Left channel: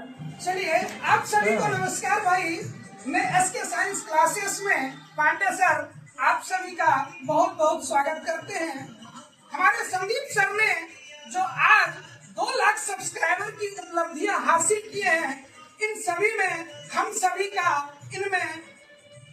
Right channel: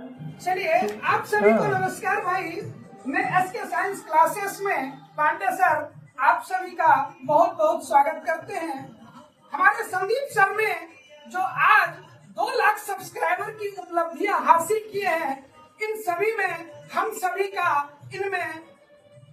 चलिए, आप सभी को नमस्कार भाई। मैं एसके साइंस क्लासेस में पांडे सर आप सभी का बहुत बहुत स्वागत करते हैं। हमारे संदीप सर ने जो आज 2 लाख सब्सक्राइबर की उपलब्धियां हासिल की हैं, इन सभी में हम सभी का इनमें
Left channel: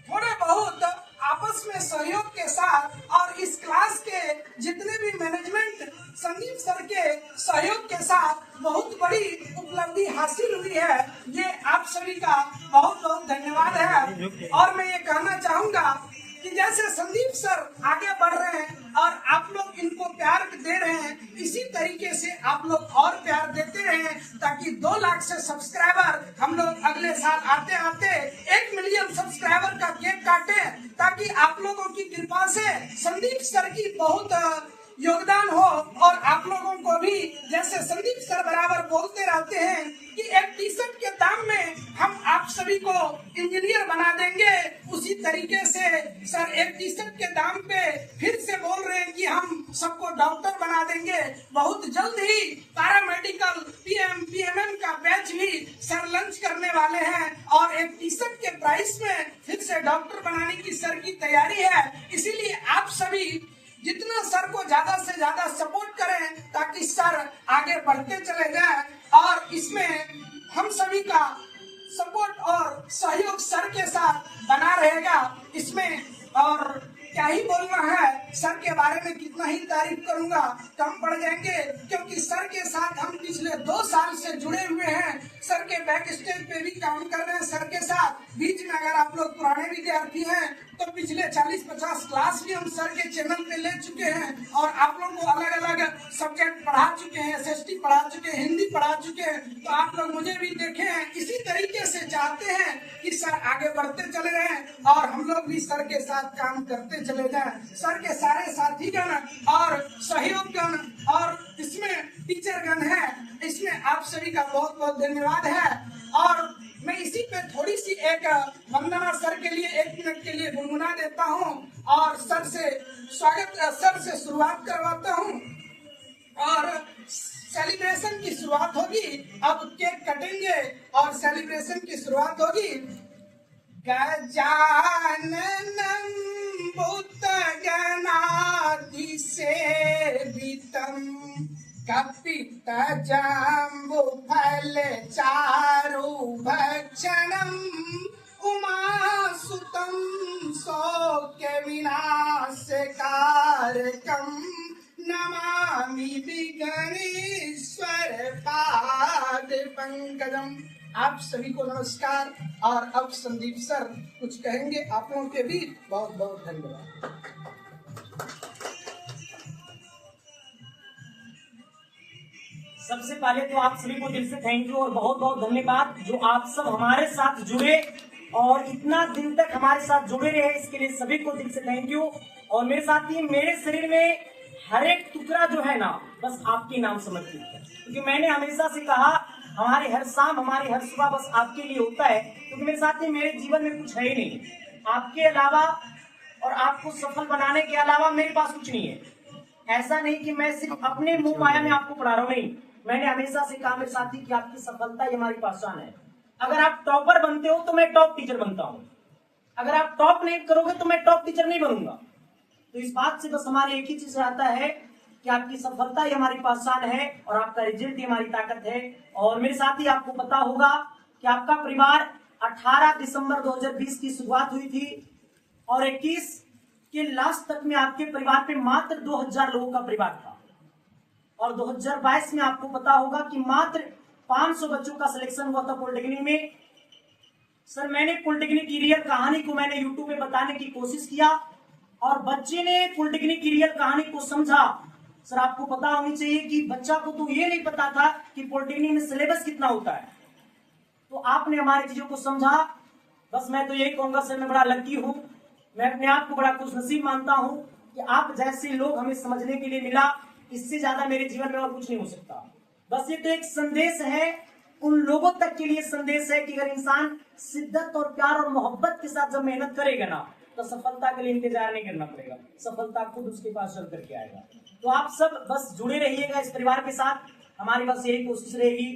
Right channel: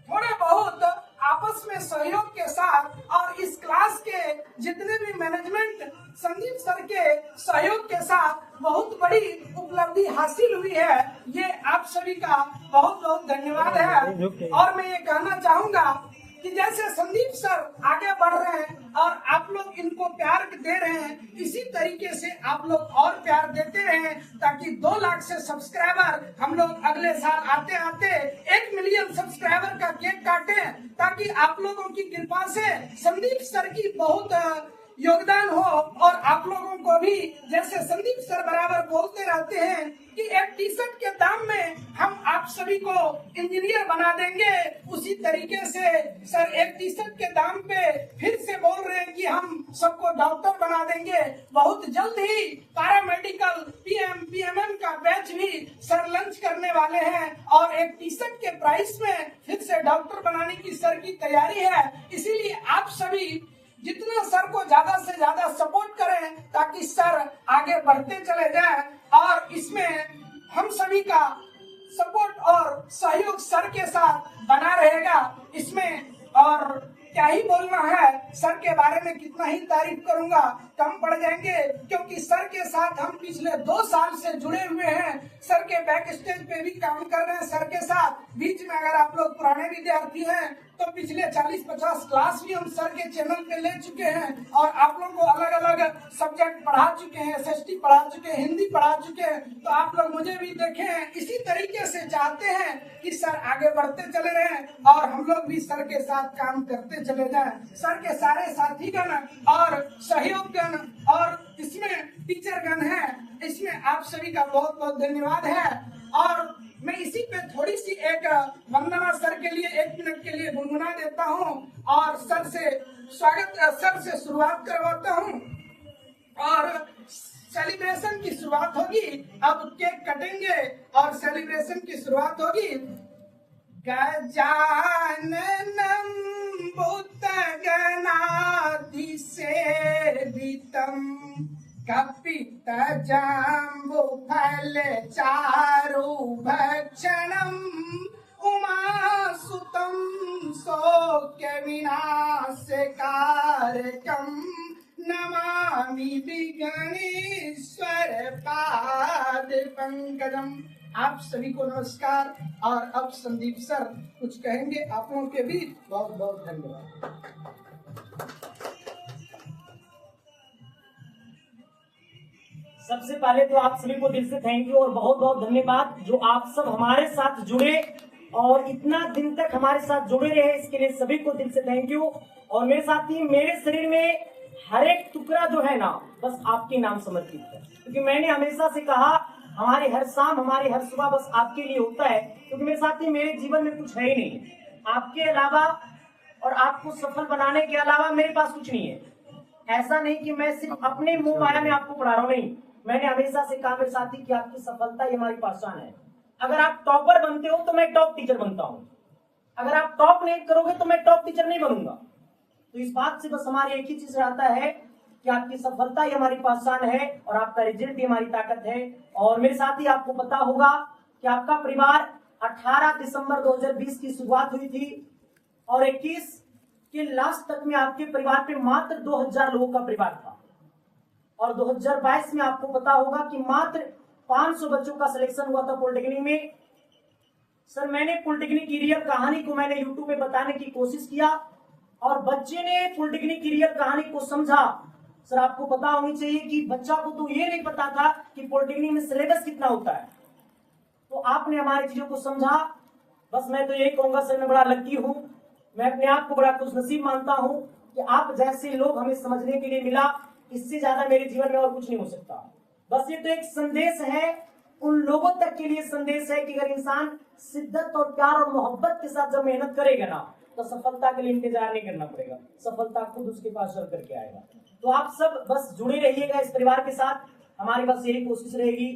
थोड़ा बहुत आपस में सहयोग के साथ और इस क्लास के जितने भी मैनेजमेंट संदीप सर के सहयोग के साथ बहुत बड़ी उपलब्धि हासिल हुई है। ये आप सभी का बहुत बहुत धन्यवाद है। और मैं ये कहना चाहूंगा कि जैसे संदीप सर आगे बढ़ रहे हैं और आप लोग इनको प्यार दे रहे हैं, इसी तरीके से आप लोग और प्यार देते रहें, ताकि 2 लाख से सब्सक्राइबर हम लोग अगले साल आते आते 1 मिलियन सब्सक्राइबर का केक काटे, ताकि आप लोगों की कृपा से संदीप सर की बहुत योगदान हो। और आप लोगों को भी, जैसे संदीप सर बराबर बोलते रहते हैं कि एक टी शर्ट के दाम में हम आप सभी को इंजीनियर बना देंगे, उसी तरीके से सर एक टी शर्ट के दाम पे फिर से बोल रहे हैं कि हम सबको डॉक्टर बना देंगे। बहुत जल्द ही पैरामेडिकल पीएमएम का बैच भी सर लॉन्च करने वाले हैं और एक टी शर्ट के प्राइस में फिर से डॉक्टर बनाने की सर की तैयारी है। इसीलिए आप सभी जितना सर को ज्यादा से ज्यादा सपोर्ट करें, ताकि सर आगे बढ़ते चले जाएं। और इसमें हम सभी का सपोर्ट और सहयोग सर के साथ बना रहेगा। इसमें और क्या ही बोलना है, सर के बारे में कितना ही तारीफ करूंगा कम पड़ जाएंगे, क्योंकि सर के साथ हम पिछले 2 साल से जुड़े हुए हैं। सर के बैक स्टेज पे भी काम कर रहे हैं सर के साथ। बीच में अगर आप लोग पुराने विद्यार्थी हैं तो पिछले 40-50 क्लास भी हम सर के चैनल पे ले चुके हैं और आप लोग को अलग अलग सब्जेक्ट पढ़ा चुके हैं, एसएसटी पढ़ा चुके हैं, हिंदी पढ़ा चुके हैं। तो आप लोग मुझे भी देखे हैं। इसी तरीके से चाहते हैं कि सर आगे बढ़ते चले रहें और हम लोग भी सर के साथ काम करते चले जाएं। सर के सारे साथीगण और सहयोगगण और इसमें टीचरगण है, इसमें आप सभी का बहुत बहुत धन्यवाद है। और मैं इसी पे थोड़ी सी एक वंदना सर के लिए 1 मिनट के लिए गुनगुना देता हूँ और सर से शुरुआत करवाता हूँ और सेलिब्रेशन की शुरुआत होगी। अब केक कटेंगे और सेलिब्रेशन की शुरुआत होगी। गजाननं भूतगणाधिसेवितं कपित्थजम्बुफलचारुभक्षणम् उमासुतं शोकविनाशकारकं नमामि विघ्नेश्वर पादपंकजम्। आप सभी को नमस्कार। और अब संदीप सर कुछ कहेंगे, आप लोगों के भी बहुत बहुत धन्यवाद। सबसे पहले तो आप सभी को दिल से थैंक यू और बहुत बहुत धन्यवाद जो आप सब हमारे साथ जुड़े और इतना दिन तक हमारे साथ जुड़े रहे, इसके लिए सभी को दिल से थैंक यू। और मेरे साथी, मेरे शरीर में हर एक टुकड़ा जो है ना, बस आपके नाम समर्पित है, क्योंकि मैंने हमेशा से कहा हमारे हर शाम, हमारे हर सुबह बस आपके लिए होता है। क्योंकि मेरे साथी, मेरे जीवन में कुछ है ही नहीं आपके अलावा, और आपको सफल बनाने के अलावा मेरे पास कुछ नहीं है। ऐसा नहीं कि मैं सिर्फ अपने मुंह माया में आपको पढ़ा रहा हूँ, नहीं। मैंने हमेशा से कहा मेरे साथी कि आपकी सफलता ही हमारी पहचान है। अगर आप टॉपर बनते हो तो मैं टॉप टीचर बनता हूँ, अगर आप टॉप नहीं करोगे तो मैं टॉप टीचर नहीं बनूंगा। तो इस बात से बस हमारे एक ही चीज रहता है कि आपकी सफलता ही हमारी पहचान है और आपका रिजल्ट ही हमारी ताकत है। और मेरे साथी, आपको पता होगा कि आपका परिवार 18 दिसंबर 2020 की शुरुआत हुई थी और 21 के लास्ट तक में आपके परिवार पे मात्र 2000 लोगों का परिवार था। और 2022 में आपको पता होगा कि मात्र 500 बच्चों का सिलेक्शन हुआ था पॉलिटेक्निक में। सर, मैंने पॉलिटेक्निक की रियल कहानी को मैंने यूट्यूब में बताने की कोशिश किया और बच्चे ने पॉलिटेक्निक की रियल कहानी को समझा। सर, आपको पता होनी चाहिए कि बच्चा को तो ये नहीं पता था कि पॉलिटेक्निक में सिलेबस कितना होता है, तो आपने हमारी चीजों को समझा। बस मैं तो यही कहूंगा सर, मैं बड़ा लकी हूँ, मैं अपने आप को बड़ा खुशनसीब मानता हूँ कि आप जैसे लोग हमें समझने के लिए मिला। इससे ज्यादा मेरे जीवन में और कुछ नहीं हो सकता। बस ये तो एक संदेश है, उन लोगों तक के लिए संदेश है कि अगर इंसान शिद्दत और प्यार और मोहब्बत के साथ जब मेहनत करेगा ना, तो सफलता के लिए इंतजार नहीं करना पड़ेगा, सफलता खुद उसके पास चल करके आएगा। तो आप सब बस जुड़े रहिएगा इस परिवार के साथ। हमारी बस यही कोशिश रहेगी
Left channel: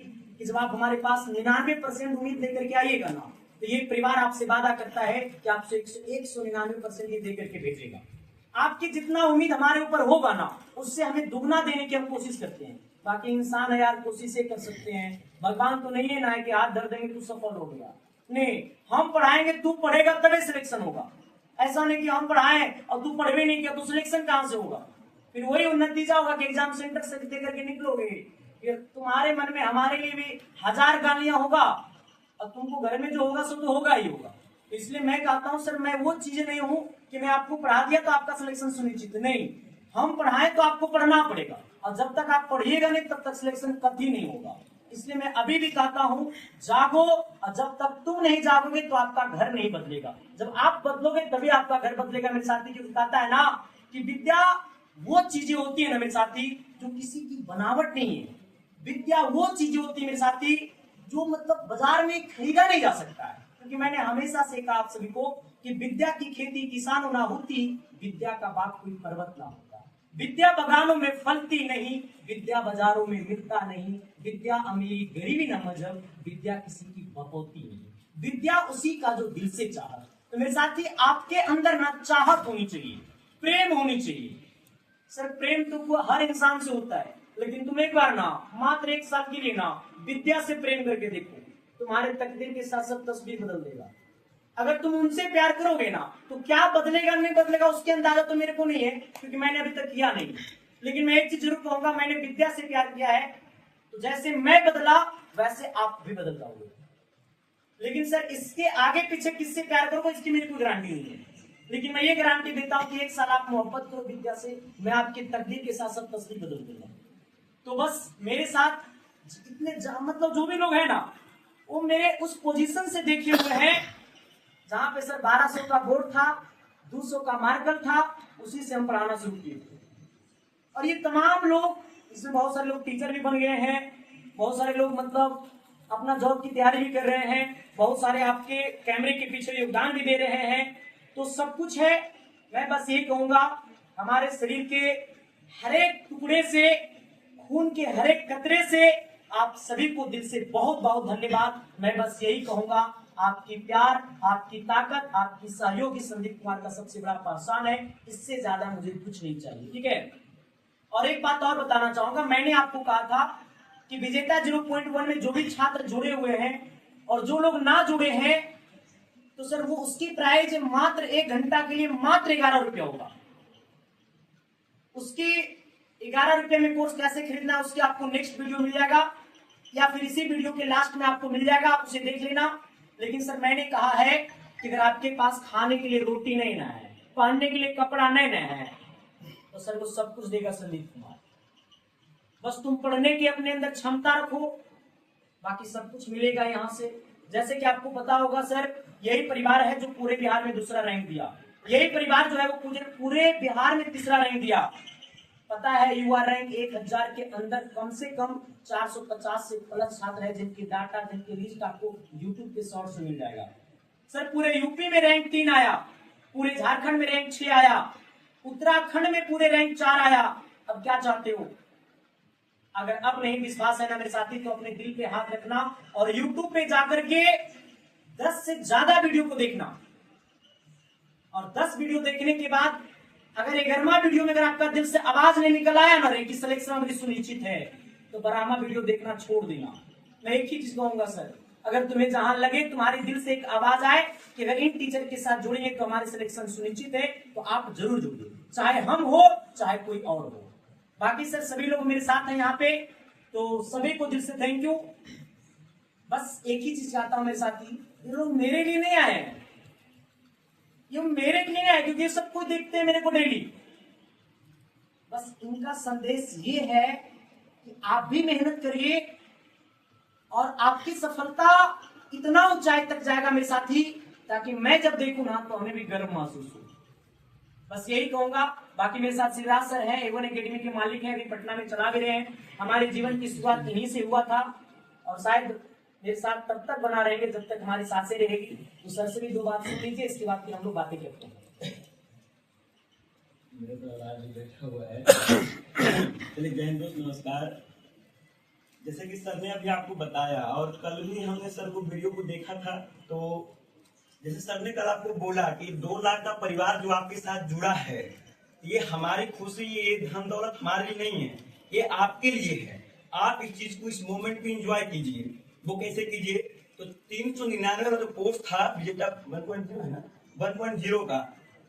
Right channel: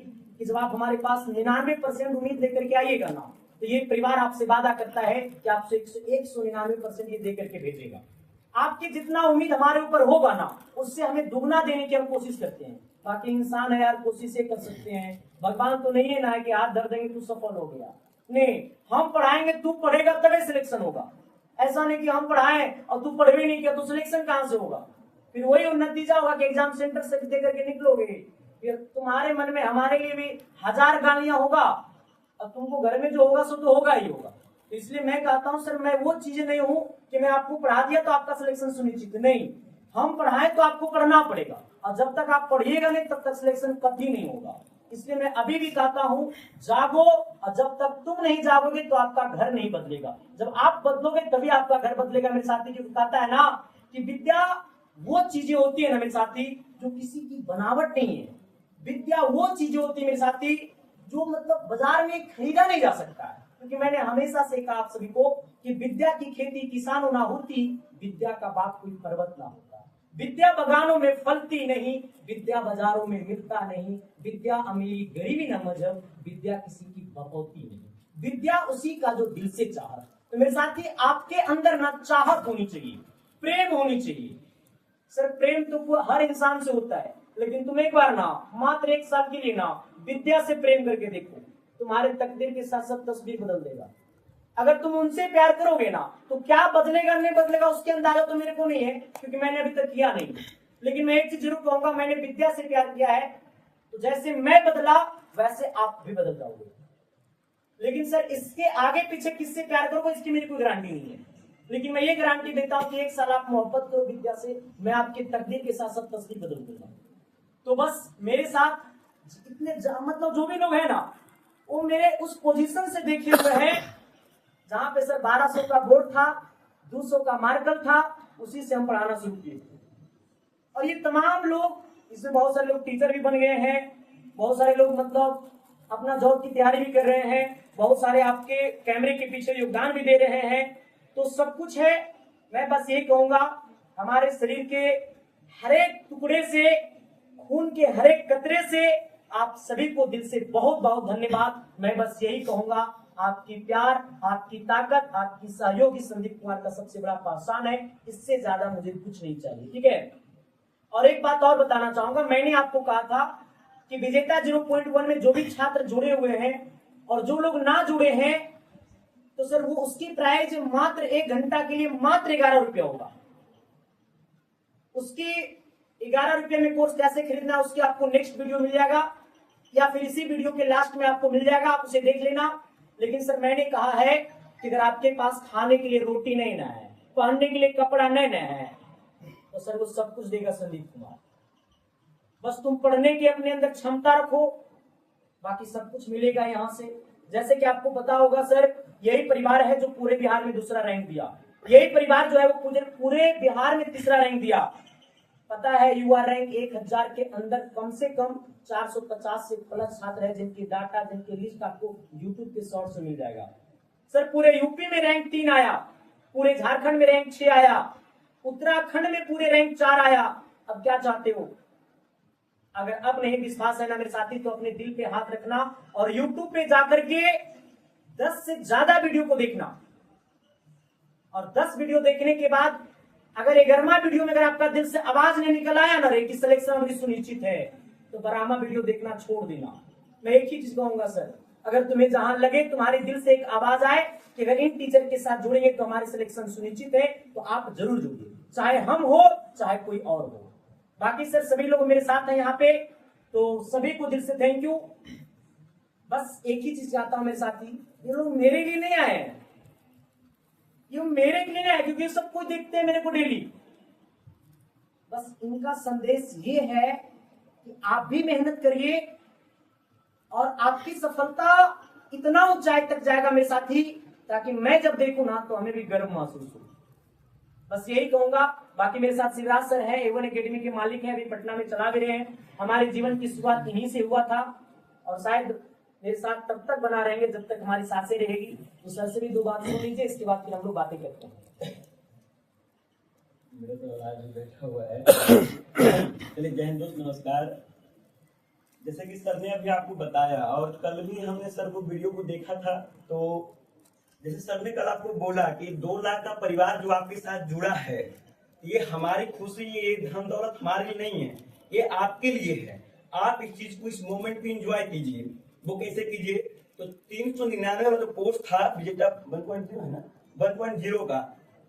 कि जब आप हमारे पास 99% उम्मीद लेकर के आइएगा ना, तो ये परिवार आपसे वादा करता है कि आपसे 199% ये देकर के भेजेगा। आपकी जितना उम्मीद हमारे ऊपर होगा ना, उससे हमें दुगना देने की हम कोशिश करते हैं। बाकी इंसान है यार, कोशिशें कर सकते हैं, भगवान तो नहीं है ना है कि हाथ धर देंगे तू सफल हो गया। नहीं, हम पढ़ाएंगे, तू पढ़ेगा तभी सिलेक्शन होगा। ऐसा नहीं कि हम पढ़ाएं और तू पढ़ भी नहीं किया तो सिलेक्शन कहां से होगा। फिर वही नतीजा होगा कि एग्जाम सेंटर से दे करके निकलोगे, फिर तुम्हारे मन में हमारे लिए भी 1000 गालियां होगा और तुमको घर में जो होगा सो तो होगा ही होगा। तो इसलिए मैं कहता हूं सर, मैं वो चीजें नहीं हूं कि मैं आपको पढ़ा दिया तो आपका सिलेक्शन सुनिश्चित नहीं। हम पढ़ाएं तो आपको पढ़ना पड़ेगा, और जब तक आप पढ़िएगा नहीं तब तक सिलेक्शन कभी नहीं होगा। इसलिए मैं अभी भी कहता हूं, जागो, और जब तक तुम नहीं जागोगे तो आपका घर नहीं बदलेगा। जब आप बदलोगे तभी आपका घर बदलेगा। मेरे साथी जो कहता है ना कि विद्या वो चीजें होती है ना मेरे साथी, जो किसी की बनावट नहीं है। विद्या वो चीजें होती है मेरे साथी, जो मतलब बाजार में खरीदा नहीं जा सकता है। क्योंकि मैंने हमेशा से कहा आप सभी को कि विद्या की खेती किसानों ना होती, विद्या का बाप कोई पर्वत ना होता। विद्या बगानों में फलती नहीं, विद्या बाजारों में मिलता नहीं। विद्या अमीरी गरीबी न मजहब, विद्या किसी की बपौती नहीं। विद्या उसी का जो दिल से चाह। तो मेरे साथी, आपके अंदर ना चाहत होनी चाहिए, प्रेम होनी चाहिए। सर प्रेम तो हर इंसान से होता है, लेकिन तुम एक बार ना, मात्र 1 साल के लिए ना, विद्या से प्रेम करके देखो, तुम्हारे तकदीर के साथ सब तस्वीर बदल देगा। अगर तुम उनसे प्यार करोगे ना, तो क्या बदलेगा नहीं बदलेगा उसके अंदाजा तो मेरे को नहीं है, क्योंकि मैंने अभी तक किया नहीं। लेकिन मैं एक चीज जरूर कहूंगा, मैंने विद्या से प्यार किया है, तो जैसे मैं बदला वैसे आप भी बदल जाओगे। लेकिन सर इसके आगे पीछे किससे प्यार करोगे इसकी मेरी कोई गारंटी नहीं है। लेकिन मैं ये गारंटी देता हूं कि 1 साल आप मोहब्बत करो विद्या से, मैं आपकी तकदीर के साथ सब तस्वीर बदल दूंगा। तो बस मेरे साथ इतने मतलब जो भी लोग हैं ना, वो मेरे उस पोजीशन से देखे हुए हैं जहां पे सर 1200 का बोर्ड था, 200 का मार्कर था, उसी से हम पढ़ाना शुरू किए। और ये तमाम लोग, इसमें बहुत सारे लोग टीचर भी बन गए हैं, बहुत सारे लोग मतलब अपना जॉब की तैयारी भी कर रहे हैं, बहुत सारे आपके कैमरे के पीछे योगदान भी दे रहे हैं। तो सब कुछ है। मैं बस ये कहूंगा, हमारे शरीर के हर एक टुकड़े से, खून के हर एक कतरे से आप सभी को दिल से बहुत बहुत धन्यवाद। मैं बस यही कहूंगा, आपकी प्यार, आपकी ताकत, आपकी सहयोगी संदीप कुमार का सबसे बड़ा पहचान है। इससे ज्यादा मुझे कुछ नहीं चाहिए, ठीक है। और एक बात और बताना चाहूंगा, मैंने आपको कहा था कि विजेता 0.1 में जो भी छात्र जुड़े हुए हैं और जो लोग ना जुड़े हैं, तो सर वो उसकी प्राइस मात्र 1 घंटा के लिए मात्र 11 रुपया होगा। उसकी 11 रुपये में कोर्स कैसे खरीदना है उसके आपको नेक्स्ट वीडियो मिल जाएगा, या फिर इसी वीडियो के लास्ट में आपको मिल जाएगा, आप उसे देख लेना। लेकिन सर मैंने कहा है कि अगर आपके पास खाने के लिए रोटी नहीं ना है, पहनने के लिए कपड़ा नहीं ना है, तो सर वो सब कुछ देगा संदीप कुमार। बस तुम पढ़ने की अपने अंदर क्षमता रखो, बाकी सब कुछ मिलेगा यहाँ से। जैसे कि आपको पता होगा सर, यही परिवार है जो पूरे बिहार में दूसरा रैंक दिया। यही परिवार जो है वो पूरे बिहार में तीसरा रैंक दिया। पता है युवा रैंक 1000 के अंदर कम से कम 450 से प्लस छात्र है जिनकी डाटा, जिनकी लिस्ट आपको YouTube पे शॉर्ट से मिल जाएगा। सर पूरे यूपी में रैंक 3 आया, पूरे झारखंड में रैंक 6 आया, उत्तराखंड में पूरे रैंक 4 आया। अब क्या चाहते हो? अगर अब नहीं विश्वास है ना मेरे साथी, तो अपने दिल पे हाथ रखना और YouTube पे जाकर के 10 से ज्यादा वीडियो को देखना, और 10 वीडियो देखने के बाद अगर 11वां वीडियो में अगर आपका दिल से आवाज नहीं निकल आया ना रे कि सिलेक्शन मेरी सुनिश्चित है, तो 12वां वीडियो देखना छोड़ देना। मैं एक ही चीज कहूंगा सर, अगर तुम्हें जहां लगे तुम्हारे दिल से एक आवाज आए कि अगर इन टीचर के साथ जुड़ेंगे तो हमारे सिलेक्शन सुनिश्चित है, तो आप जरूर जुड़िए, चाहे हम हो चाहे कोई और हो। बाकी सर सभी लोग मेरे साथ हैं यहाँ पे, तो सभी को दिल से थैंक यू। बस एक ही चीज चाहता हूं मेरे साथी, ये लोग मेरे लिए नहीं आए हैं, ये मेरे लिए नहीं आए क्योंकि सब कुछ देखते हैं मेरे को डेली। बस इनका संदेश ये है कि आप भी मेहनत करिए और आपकी सफलता इतना ऊंचाई तक जाएगा मेरे साथी, ताकि मैं जब देखूं ना तो हमें भी गर्व महसूस हो। बस यही कहूंगा। बाकी मेरे साथ शिवराज सर है, A1 एकेडमी के मालिक हैं, अभी पटना में चला भी रहे हैं। हमारे जीवन की शुरुआत इन्हीं से हुआ था और शायद मेरे साथ तब तक बना रहेंगे जब तक हमारी सांसें रहेगी। तो सर से भी 2 बात सुन लीजिए, इसके बाद फिर हम लोग बातें करते हैं। मेरे को बैठा हुआ है। चलिए जय हिंद दोस्त, नमस्कार। जैसे कि सर ने अभी आपको बताया और कल भी हमने सर को वीडियो को देखा था, तो जैसे सर ने कल आपको बोला कि 2 लाख का परिवार जो आपके साथ जुड़ा है, ये हमारी खुशी, ये धन दौलत हमारे लिए नहीं है, ये आपके लिए है। आप इस चीज को, इस मोमेंट को एंजॉय कीजिए। वो कैसे कीजिए? तो 399 वाला जो कोर्स था विजेटा 1.0 है ना, 1.0 का,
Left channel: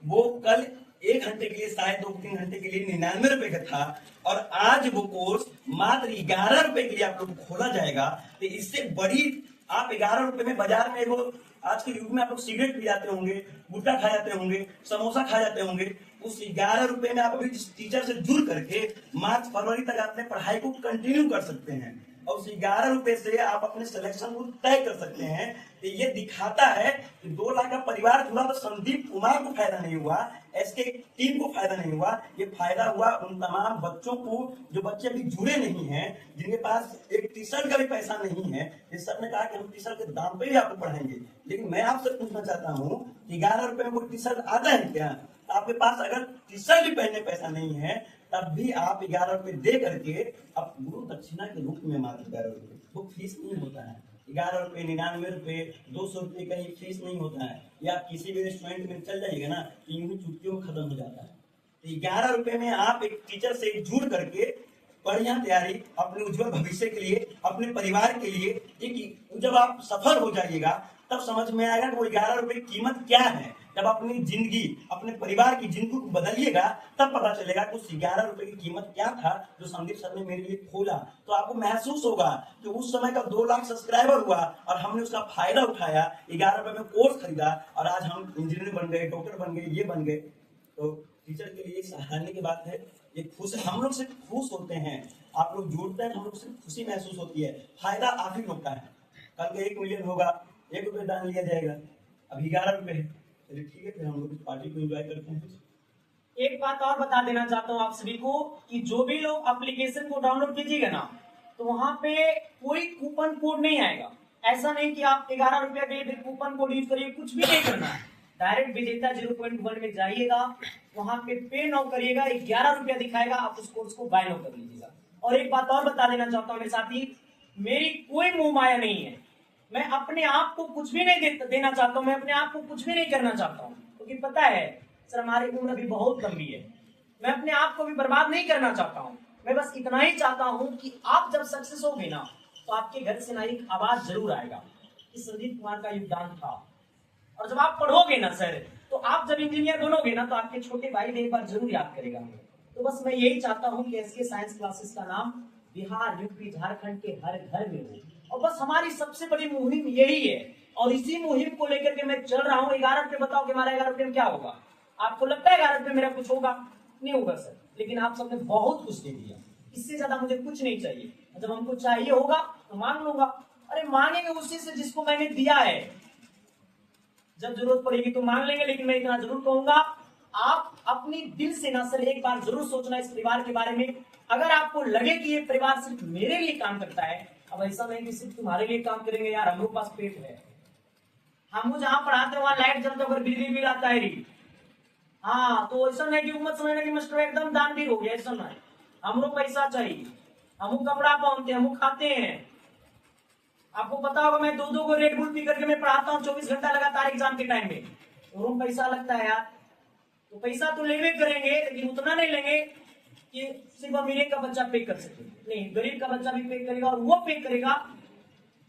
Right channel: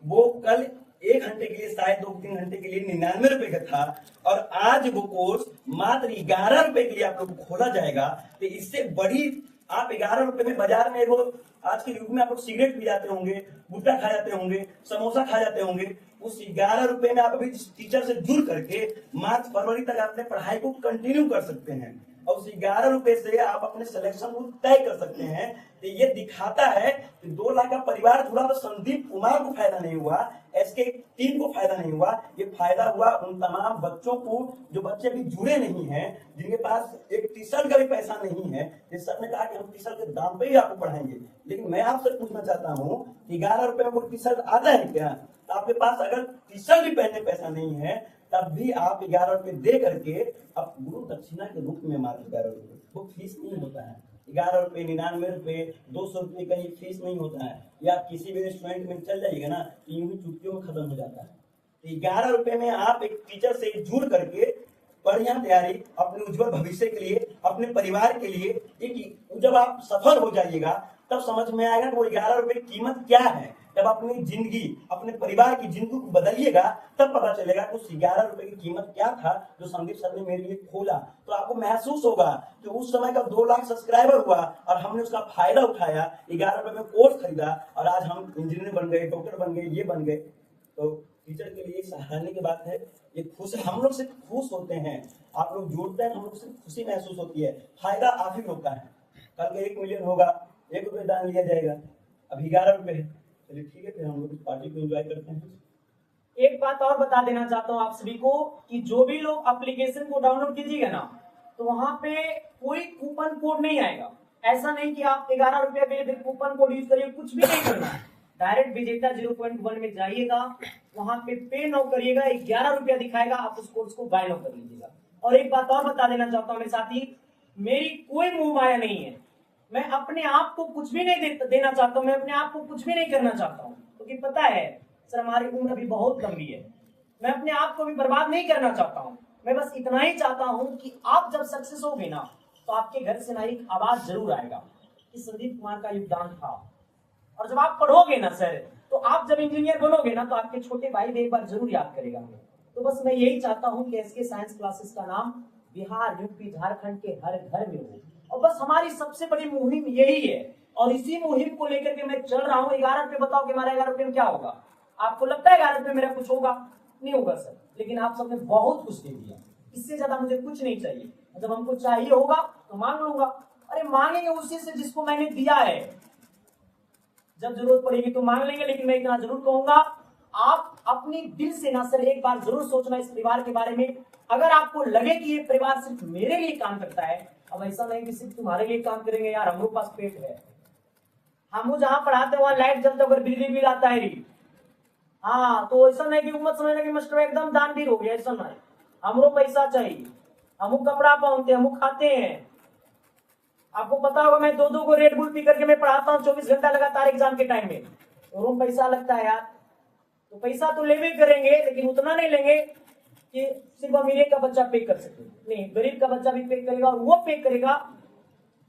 वो कल 1 घंटे के लिए, शायद 2-3 घंटे के लिए 99 रुपए का था, और आज वो कोर्स मात्र 11 रुपए के लिए आप लोग को खोला जाएगा। तो इससे बड़ी, आप 11 रुपए में बाजार में वो, आज के युग में आप लोग सिगरेट पी जाते होंगे, गुट्टा खा जाते होंगे, समोसा खा जाते होंगे, उस 11 रुपए में आप अभी टीचर से जुड़ करके मार्च फरवरी तक अपने पढ़ाई को कंटिन्यू कर सकते हैं, और उस 11 रुपए से आप अपने सिलेक्शन को तय कर सकते हैं। तो ये दिखाता है कि 2 लाख का परिवार जुड़ा, तो संदीप कुमार को फायदा नहीं हुआ, एसके टीम को फायदा नहीं हुआ, ये फायदा हुआ उन तमाम बच्चों को जो बच्चे अभी जुड़े नहीं हैं, जिनके पास एक टी शर्ट का भी पैसा नहीं है। जिस सर ने कहा कि हम टी शर्ट के दाम पे भी आपको पढ़ाएंगे, लेकिन मैं आपसे पूछना चाहता हूँ, 11 रुपए में कोई टी शर्ट आता है क्या? आपके पास अगर टी शर्ट भी पहनने पैसा नहीं है, तब भी आप 11 रुपए दे करके अब गुरु दक्षिणा के रूप में, मात्र 11 रुपए, वो फीस नहीं होता है। 11 रुपए, 99 रुपए, 200 रुपए का ये फीस नहीं होता है। या किसी भी रेस्टोरेंट में चल जाइएगा ना, यूं ही चुटकियों में खत्म हो जाता है। 11 रुपए में आप एक टीचर से जुड़ करके बढ़िया तैयारी, अपने उज्जवल भविष्य के लिए, अपने परिवार के लिए, एक जब आप सफल हो जाइएगा तब समझ में आएगा कि वो 11 रुपए की कीमत क्या है। जब अपनी जिंदगी, अपने परिवार की जिंदगी को बदलिएगा, तब पता चलेगा कि उस 11 रुपए की कीमत क्या था जो संदीप सर ने मेरे लिए खोला। तो आपको महसूस होगा कि उस समय का 2 लाख सब्सक्राइबर हुआ और हमने उसका फायदा उठाया, 11 रुपए में कोर्स खरीदा, और आज हम इंजीनियर बन गए, डॉक्टर बन गए, ये बन गए। तो टीचर के लिए सराहनीय की बात है। ये खुश, हम लोग सिर्फ खुश होते हैं, आप लोग जुड़ते हैं, हम लोग सिर्फ खुशी महसूस होती है। फायदा आप ही होता है। कल 1 मिलियन होगा, 1 रुपये दान लिया जाएगा, अभी 11 रुपए है। चलिए ठीक है, फिर हम लोग इस पार्टी को एंजॉय करते हैं। एक बात और बता देना चाहता हूँ आप सभी को कि जो भी लोग एप्लीकेशन को डाउनलोड कीजिएगा ना, तो वहां पे कोई कूपन कोड नहीं आएगा। ऐसा नहीं कि आप 11 रुपया के लिए कूपन कोड यूज करिए, कुछ भी नहीं करना है। डायरेक्ट विजेता 0.1 में जाइएगा, वहां पे नाउ करिएगा, 11 रुपया दिखाएगा, आप उस कोर्स को बाय नाउ कर लीजिएगा। और एक बात और बता देना चाहता हूँ मेरे साथी, मेरी कोई मुंह माया नहीं है। मैं अपने आप को कुछ भी नहीं देना चाहता हूँ, मैं अपने आप को कुछ भी नहीं करना चाहता हूँ, क्योंकि पता है सर हमारी उम्र अभी बहुत लंबी है। मैं अपने आप को भी बर्बाद नहीं करना चाहता हूँ। मैं बस इतना ही चाहता हूँ कि आप जब सक्सेस होगे ना, तो आपके घर से ना एक आवाज जरूर आएगा कि संदीप कुमार का योगदान था। और जब आप पढ़ोगे ना सर, तो आप जब इंजीनियर बनोगे ना, तो आपके छोटे भाई भी एक बार जरूर याद करेगा हमें। तो बस मैं यही चाहता हूँ कि एसके साइंस क्लासेस का नाम बिहार, यूपी, झारखंड के हर घर में हो। और बस हमारी सबसे बड़ी मुहिम यही है, और इसी मुहिम को लेकर के मैं चल रहा हूँ। 11 रुपये बताओ कि हमारे 11 रुपये में क्या होगा? आपको लगता है 11 रुपये मेरा कुछ होगा? नहीं होगा सर, लेकिन आप सबने बहुत कुछ दे दिया, इससे ज्यादा मुझे कुछ नहीं चाहिए। जब हमको चाहिए होगा तो मांग लूंगा। अरे मांगेंगे उसी से जिसको मैंने दिया है। जब जरूरत पड़ेगी तो मांग लेंगे, लेकिन मैं इतना जरूर कहूंगा, आप अपनी दिल से ना सर एक बार जरूर सोचना इस परिवार के बारे में। अगर आपको लगे कि ये परिवार सिर्फ मेरे लिए काम करता है, अब ऐसा नहीं कि सिर्फ तुम्हारे लिए काम करेंगे यार, हम लोग पास पेट है। हम जहां पढ़ाते हैं वहां लाइट जलता है, बिजली बिल आता है री। हाँ, तो ऐसा नहीं कि उम्मत समझने की मास्टर एकदम दानवीर हो गया, ऐसा नहीं। हमको पैसा चाहिए, हम कपड़ा पहनते हैं, हम खाते हैं। आपको पता होगा मैं 2-2 को रेड बुल पी करके मैं पढ़ाता हूँ 24 घंटा लगातार एग्जाम के टाइम में। और पैसा लगता है यार, तो पैसा तो लेवे करेंगे, लेकिन उतना नहीं लेंगे कि सिर्फ अमीर का बच्चा पे कर सके। नहीं, गरीब का बच्चा भी पे करेगा, और वो पे करेगा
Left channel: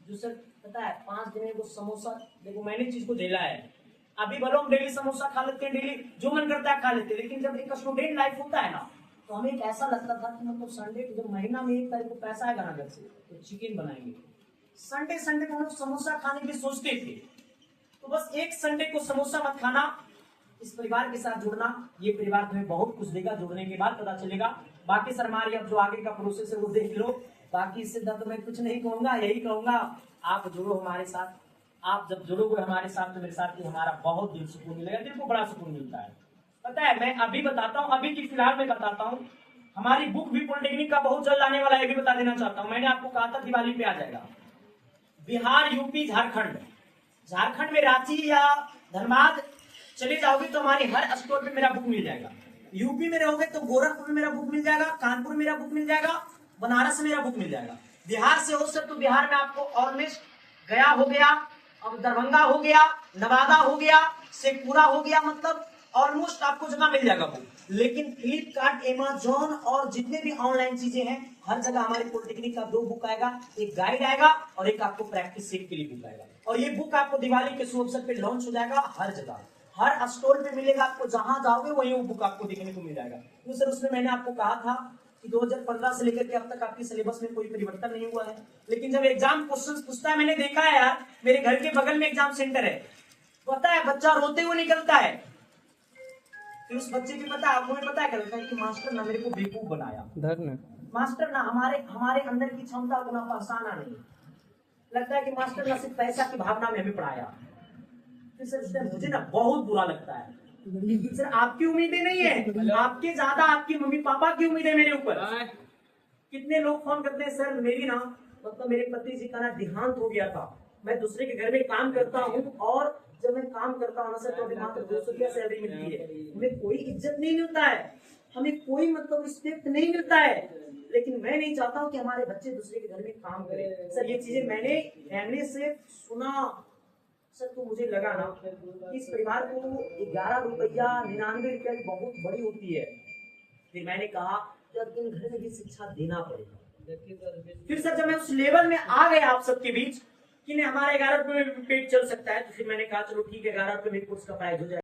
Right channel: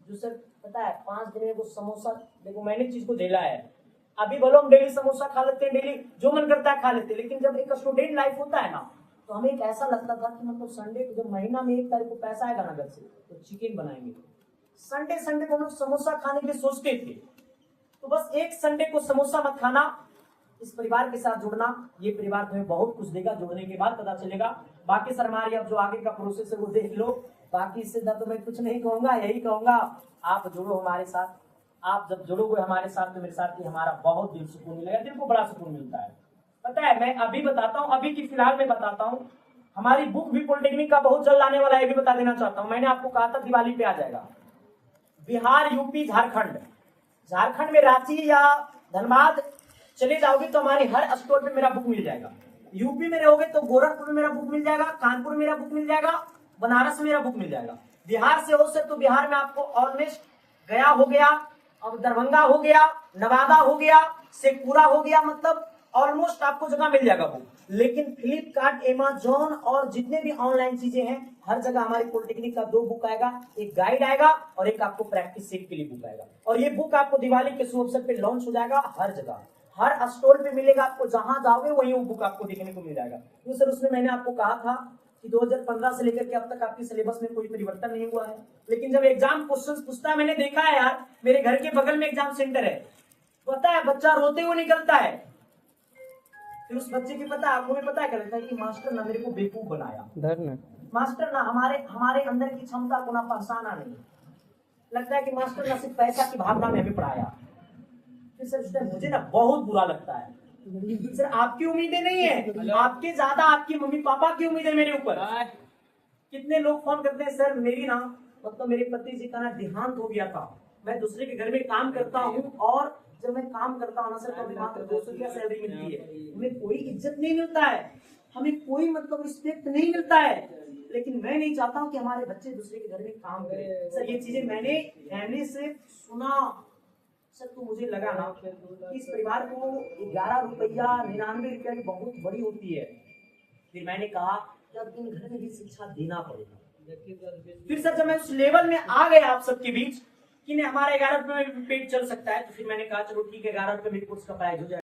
जो सर पता है 5 दिन में वो समोसा, देखो मैंने चीज को झेला है। अभी भलो हम डेली समोसा खा लेते हैं, डेली जो मन करता है खा लेते हैं, लेकिन जब एक स्टूडेंट लाइफ होता है ना, तो हमें एक ऐसा लगता था कि मतलब संडे को, जब महीना में 1 तारीख को पैसा आएगा ना घर से, तो चिकन बनाएंगे। संडे को हम लोग समोसा खाने के लिए सोचते थे। तो बस एक संडे को समोसा मत खाना, इस परिवार के साथ जुड़ना। ये परिवार तुम्हें बहुत कुछ देगा, जुड़ने के बाद पता चलेगा। बाकी सर हमारी अब जो आगे का प्रोसेस है वो देख लो। बाकी इससे तो मैं कुछ नहीं कहूंगा, यही कहूंगा आप जुड़ो हमारे साथ। आप जब जुड़ोगे हमारे साथ तो मेरे साथ ही हमारा बहुत दिल सुकून मिलेगा, दिल को बड़ा सुकून मिलता है। पता है मैं अभी बताता हूँ, अभी की फिलहाल में बताता हूँ, हमारी बुक भी पॉलिटेक्निक का बहुत जल्द आने वाला है, ये भी बता देना चाहता हूँ। मैंने आपको कहा था दिवाली पे आ जाएगा। बिहार, यूपी, झारखंड में रांची या धनबाद चले जाओगे तो हमारी हर स्टोर पे मेरा बुक मिल जाएगा। यूपी में रहोगे तो गोरखपुर में मेरा बुक मिल जाएगा, कानपुर में मेरा बुक मिल जाएगा, बनारस में मेरा बुक मिल जाएगा। बिहार से हो सर तो बिहार में आपको ऑलमोस्ट गया हो गया, अब दरभंगा हो गया, नवादा हो गया, शेखपुरा हो गया, मतलब ऑलमोस्ट आपको जगह मिल जाएगा वो। लेकिन फ्लिपकार्ट, अमेजॉन और जितने भी ऑनलाइन चीजें हैं हर जगह हमारी पॉलिटेक्निक का 2 बुक आएगा, एक गाइड आएगा और एक आपको प्रैक्टिस सेट के लिए बुक आएगा। और ये बुक आपको दिवाली के शुभ अवसर पे लॉन्च हो जाएगा, हर जगह हर स्टोर पे मिलेगा, आपको जहां जाओगे वहीं वो बुक आपको देखने को मिल जाएगा। तो सर उसमें मैंने आपको कहा था कि 2015 से लेकर के अब तक आपकी सिलेबस में कोई परिवर्तन नहीं हुआ है, लेकिन जब एग्जाम क्वेश्चन पूछता है, मैंने देखा है यार, मेरे घर के बगल में एग्जाम सेंटर है, पता है बच्चा रोते हुए निकलता है, फिर उस बच्चे की पता है आपको में पता है क्या लगता है कि मास्टर ना मेरे को बेवकूफ बनाया, मास्टर ना हमारे अंदर की क्षमता को ना पहचाना नहीं, लगता है कि मास्टर ना सिर्फ पैसा की भावना में हमें पढ़ाया। फिर सर मुझे ना बहुत बुरा लगता है सर, आपकी उम्मीदें नहीं है, आपके ज्यादा आपकी मम्मी पापा की उम्मीदें मेरे ऊपर। कितने लोग फोन करते हैं सर मेरी ना मतलब मेरे पति जी का ना देहांत हो गया था, मैं दूसरे के घर में काम करता हूँ और जब मैं काम करता हूँ ना सर तो अभी मात्र 200 रुपया सैलरी मिलती है, हमें कोई इज्जत नहीं मिलता है, हमें कोई मतलब रिस्पेक्ट नहीं मिलता है, लेकिन मैं नहीं चाहता हूँ कि हमारे बच्चे दूसरे के घर में काम करें। सर ये चीजें मैंने फैमिली से सुना सर, तो मुझे लगा ना कि इस परिवार को 11 रुपया 99 रुपया की बहुत बड़ी होती है। फिर मैंने कहा जब इन घर में भी शिक्षा देना पड़ेगा। फिर सर जब मैं उस लेवल में आ गया आप सबके बीच कि नहीं हमारा 11 रुपये में पेट चल सकता है, तो फिर मैंने कहा चलो ठीक है 11 रुपये में कोर्स का प्राइस हो जाएगा।